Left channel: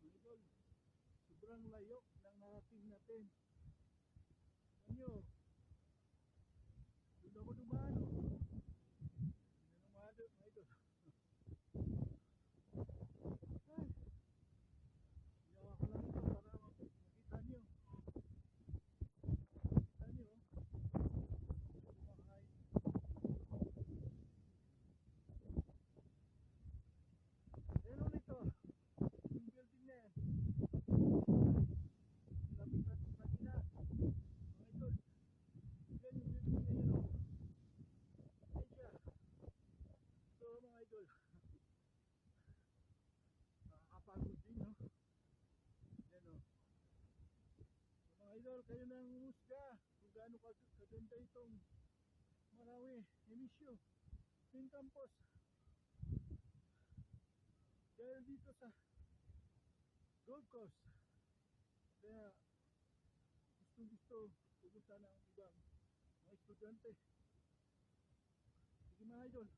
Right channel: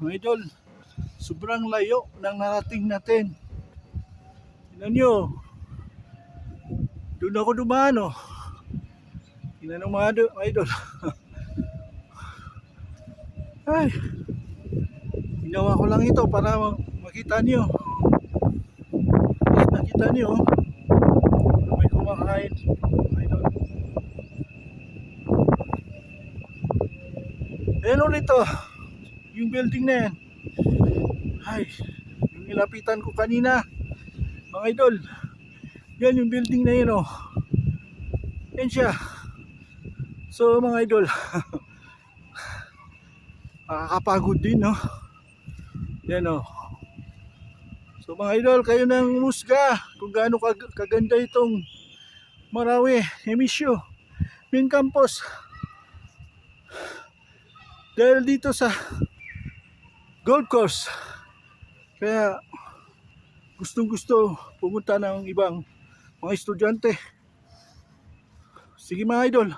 mga idol. Sobrang layo ng narating natin. Tingnan nyo. Doon ako dumaan, oh. Tingnan nyo mga idol. Ay, ginawa ko lang ito para makita nyo. Nakita nyo, may kumakain, mga idol. Ayan ulit, oh. Yung building na yan. Ay, yung nilapitan ko kanina, mga idol. Yan yung building na yun, oh. Yan siya. So mga idol, nakakapagod din, no? Yan, oh. So mga idol, kayo nang musga kung gaano kaganda itong Marawi Emisyo Main Campus. Dahil dito sa golf course, kaya gustong gusto pumunta ng ibang mga estudyante. Sige mga idol.